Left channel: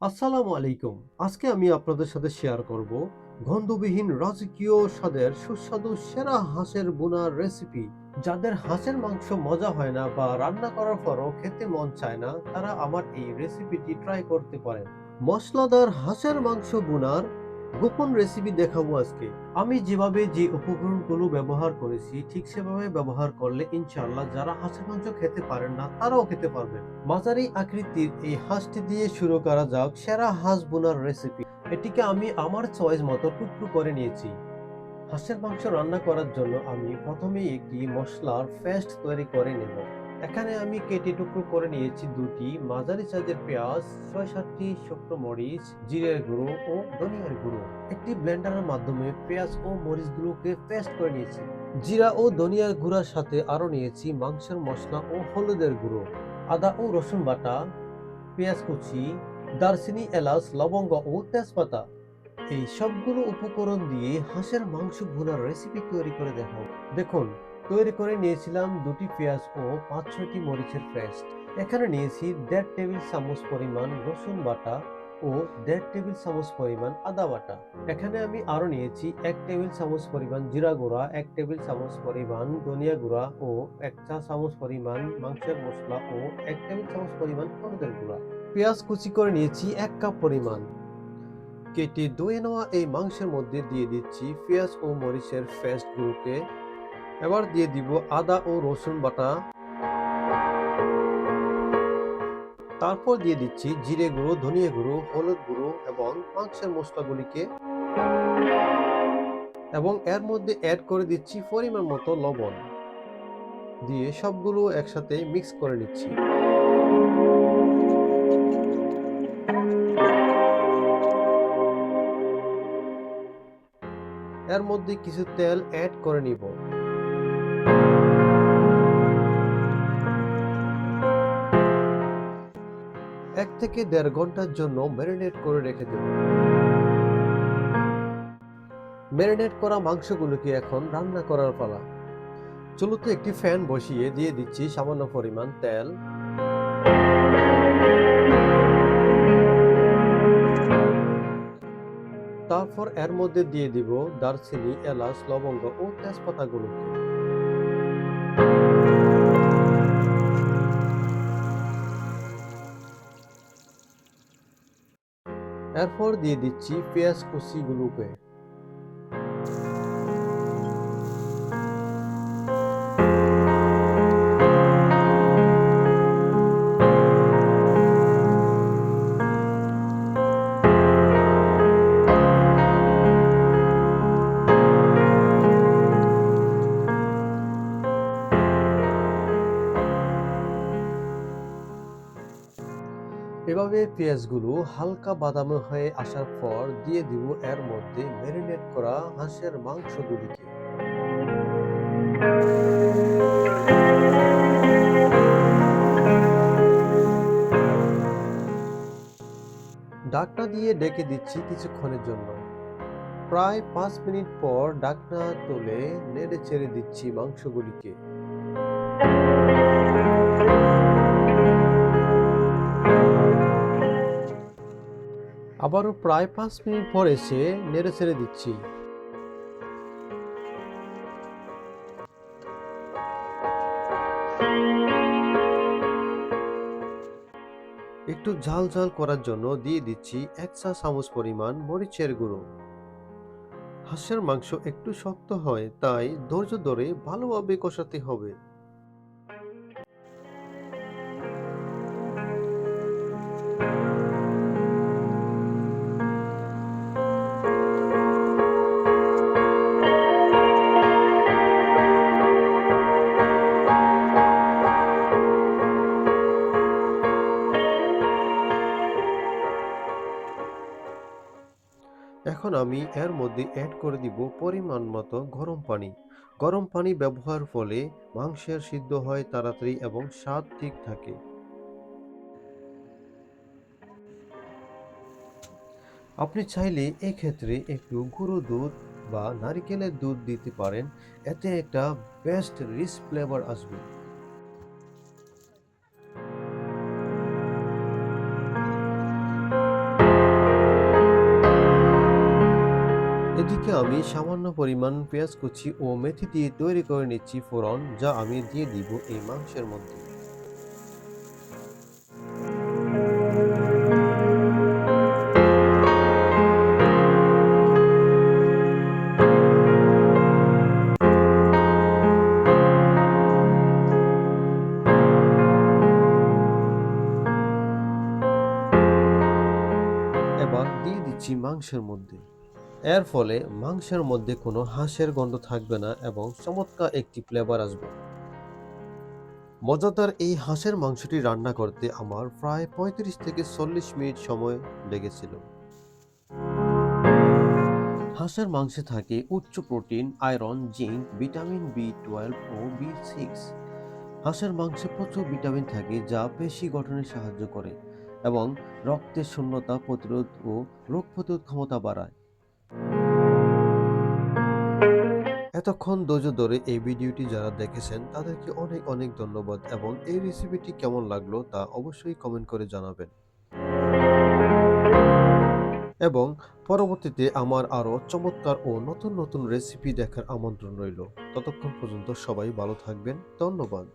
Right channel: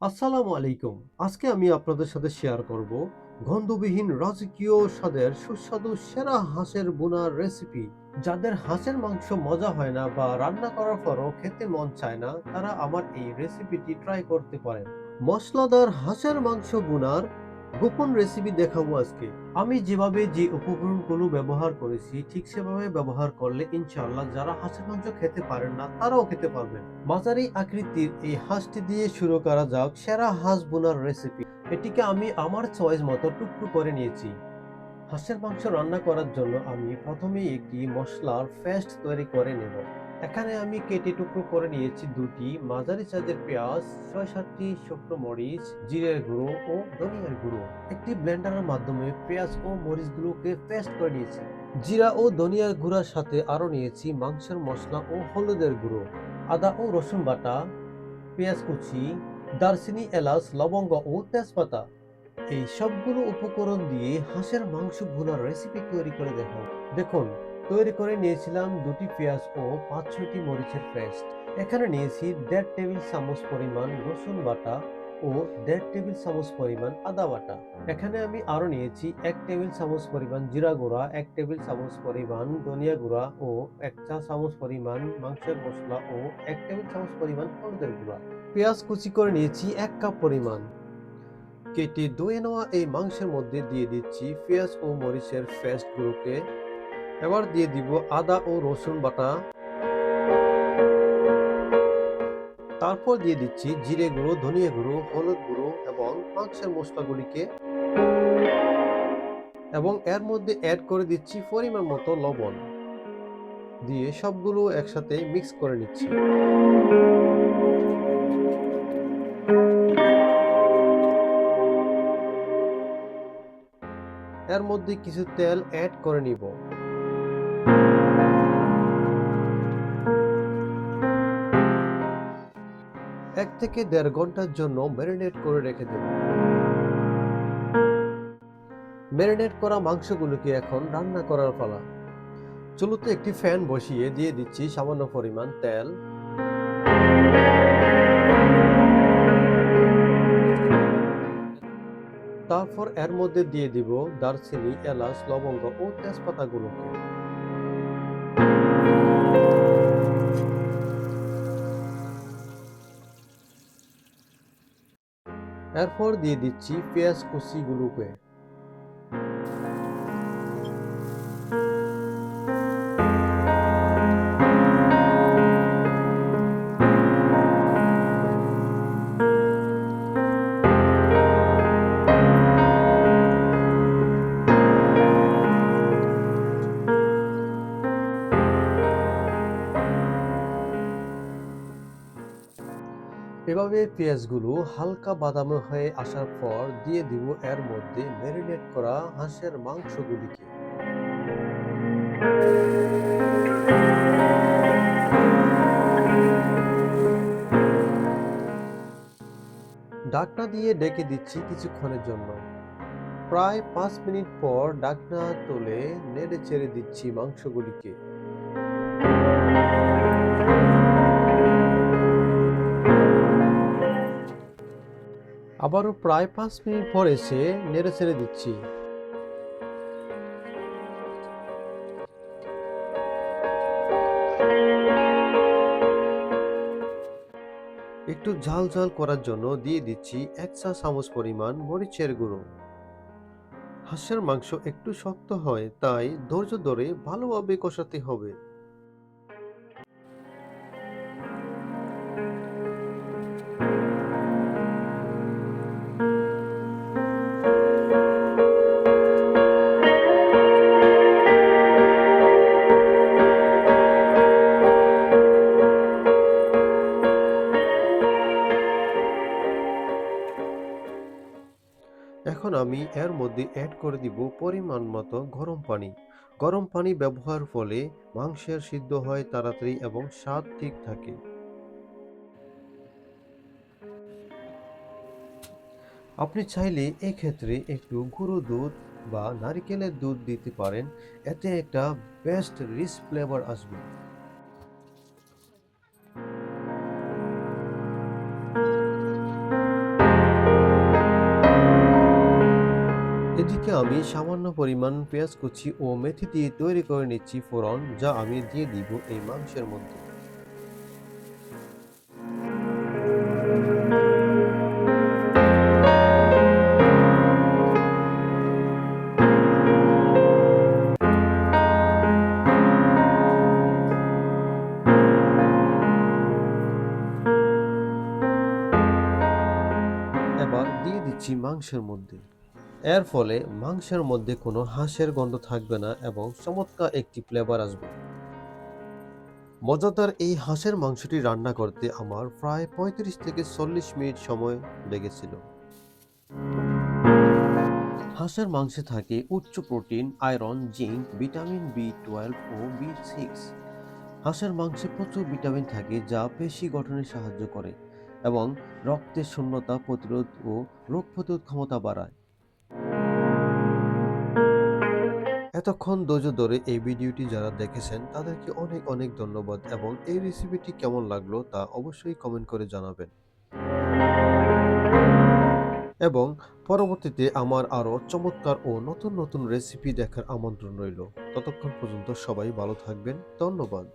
আসসালামু আলাইকুম। আজকে আমি আপনাদের সাথে শেয়ার করব গন্ধবিহীন রাজকীয় স্বাদের সুস্বাদু সেরা হাঁসের বোনার রেসিপি। যাদের হাঁসের মাংস মজা হয় না বা রান্না করার পরও খেতে মন চায় না, তারা আমার এই রেসিপিটি ট্রাই করতে পারেন। মশলাদার হাঁসের মাংস বোনার গোপন রেসিপি দেখাবো আজকে। আমি যেভাবে যে উপকরণগুলো ব্যবহার করেছি ঠিক সেভাবে ব্যবহার করলে ইনশাআল্লাহ যারা হাঁসের মাংস খেতে পারেন না তারাও খেতে পারবেন। মাঝারি আকৃতির এই হাঁসটি দিয়ে শুরু করা যাক সেরা হাঁস বোনার রেসিপি। এটিকে আমি আমার চয়েস মতো টুকরো করে নিয়েছি। হাঁসের মাংস রান্না করার জন্য আমি প্রথমেই একটি মশলার পেস্ট তৈরি করে নেব। এখানে আমি কেটে টুকরো করে নিয়েছি দুটি মাঝারি সাইজের পেঁয়াজ, ৬-৭টি শুকনো মরিচ, জিরের গুঁড়ো ও ধনিয়ার গুঁড়ো। একটি ব্লেন্ডারের মাধ্যমে পেঁয়াজ ও মরিচগুলোকে পেস্ট করে নিয়েছি। জিরা ও ধনিয়ার গুঁড়ার সাথে আরও নিয়েছি মাংসের মশলা ও হলুদের গুঁড়ো, আদা ও রসুন বাটা, পেঁয়াজ কুচি, দারচিনি, এলাচ, লবঙ্গ ও তেজপাতা। এই সবগুলো উপকরণ দিয়ে হাঁসের মাংস ভুনার রেসিপি তৈরি করে দেখাও। দেখুন, তৈরি করে নিয়েছিলাম দুটি পেঁয়াজ ও ৫-৬টি মরিচের পেস্ট। এখানে নিয়েছি ১.৫ টেবিল চামচ পরিমাণ রসুন বাটা ও ১.৫ টেবিল চামচ পরিমাণ আদা বাটা। এখানে আমি আরো নিয়েছি ১ টেবিল চামচ পরিমাণ জিরা গুঁড়া, ১ টেবিল চামচ পরিমাণ ধনিয়া গুঁড়া ও ১ চা চামচ পরিমাণ মাংসের মশলা ও ১ টেবিল চামচ পরিমাণ হলুদের গুঁড়া। পেঁয়াজ কুচি করে নিয়েছি ১ কাপ পরিমাণ। কেটে ধুয়ে নেওয়া এই মাংসের মধ্যে দিয়ে দিচ্ছি পেঁয়াজ ও মরিচের পেস্টগুলোকে। এবার দিয়ে দিব আদা ও রসুন বাটা। তারপর দিয়ে দিচ্ছি জিরে গুঁড়ো, ধনিয়া গুঁড়ো, হলুদ গুঁড়ো এবং মাংসের মশলাগুলিকে, এবং এর মধ্যে অ্যাড করে দিচ্ছি পরিমাণ মতো লবণ। দিয়ে সবগুলো একসাথে মিক্স করে নিচ্ছি। এর মধ্যে কিছু তেল অ্যাড করে নিব। ১ থেকে ১.৫ ঘন্টার জন্য ম্যারিনেট করে রেখে দেব। ম্যারিনেট করা মাংসগুলোকে এখন রান্না করার পালা। চুলোতে একটি ফ্যান বসিয়ে দিয়ে দিচ্ছি সামান্য পরিমাণ তেল। তারপর এর মধ্যে দিয়ে দিব দারচিনি, এলাচ, লবঙ্গ ও তেজপাতাগুলোকে। এরপর দিয়ে দিচ্ছি পেঁয়াজ কুচিগুলোকে। এভাবে পেঁয়াজগুলো হালকা বাদামি হয়ে আসার পর দিয়ে দিব এর মধ্যে ম্যারিনেট করা হাঁসের মাংসগুলিকে। ঢাকনা দিয়ে ঢেকে দিচ্ছি কিছুক্ষণের জন্য। প্রায় ৫ মিনিট পর ঢাকনা তুলে নেড়ে চেড়ে দিচ্ছি মাংসগুলিকে। আবারও প্রায় ৫ মিনিট পর এসে নেড়ে চেড়ে দিচ্ছি। একটু ঝাল ঝাল করার জন্য দিয়ে দিচ্ছি ১ চা চামচ পরিমাণ মরিচের গুঁড়ো। হাঁসের মাংস একটু শক্ত হয়, তাই ধৈর্য ধরে ভালোভাবে কষাতে হবে। এখন আমি এর মধ্যে অ্যাড করে দিব পরিমাণ মতো গরম পানি। গরম পানি ব্যবহার ফলে মাংসের সিদ্ধ হয় তাড়াতাড়ি এবং স্বাদ ঠিক থাকে। আপনি চাইলে এক্ষেত্রে একটু গুঁড়ো দুধ বা নারিকেলের দুধ দিতে পারেন, এতে একটা বেস্ট রিচ ফ্লেভার আসবে। এদিকে আমি সামান্য পরিমাণ পেঁয়াজ কুচি ও মেথি দিয়ে তৈরি করে নিচ্ছি ফোড়ন, যা আমি দিয়ে দিব এই মাংসের মধ্যে। এবার দিয়ে দিচ্ছি মাংসের মধ্যে। এর ফলে মাংসের মধ্যে কোনো হাঁসের গন্ধ থাকবে না এবং চমৎকার একটি ফ্লেভার আসবে। মজাদার এই হাঁসের মাংসটি রান্না করতে আমার প্রায় ৩৫ থেকে ৪০ মিনিট সময় লেগেছিল। হাঁসের মাংসে থাকে উচ্চ protein, iron, zinc, vitamin B 12 ও বি 6। হাঁসের মাংসে প্রচুর ভিটামিন থাকে যা পেশি গঠনে সাহায্য করে এবং রক্তের শূন্যতা প্রতিরোধ ও রোগ প্রতিরোধ ক্ষমতা বাড়ায়। এতক্ষণ ধৈর্য ধরে এই ভিডিওটি যারা দেখেছেন তাদেরকে অনেক অনেক ধন্যবাদ এবং এই রেসিপিটি কেমন লাগলো তা অবশ্যই কমেন্ট করে জানাবেন। এবং পরবর্তীতে আমার আরও চমৎকার ও নতুন নতুন রেসিপি দেখার আমন্ত্রণ রইল। ততক্ষণ পর্যন্ত সবাই ভালো থাকবেন। ধন্যবাদ।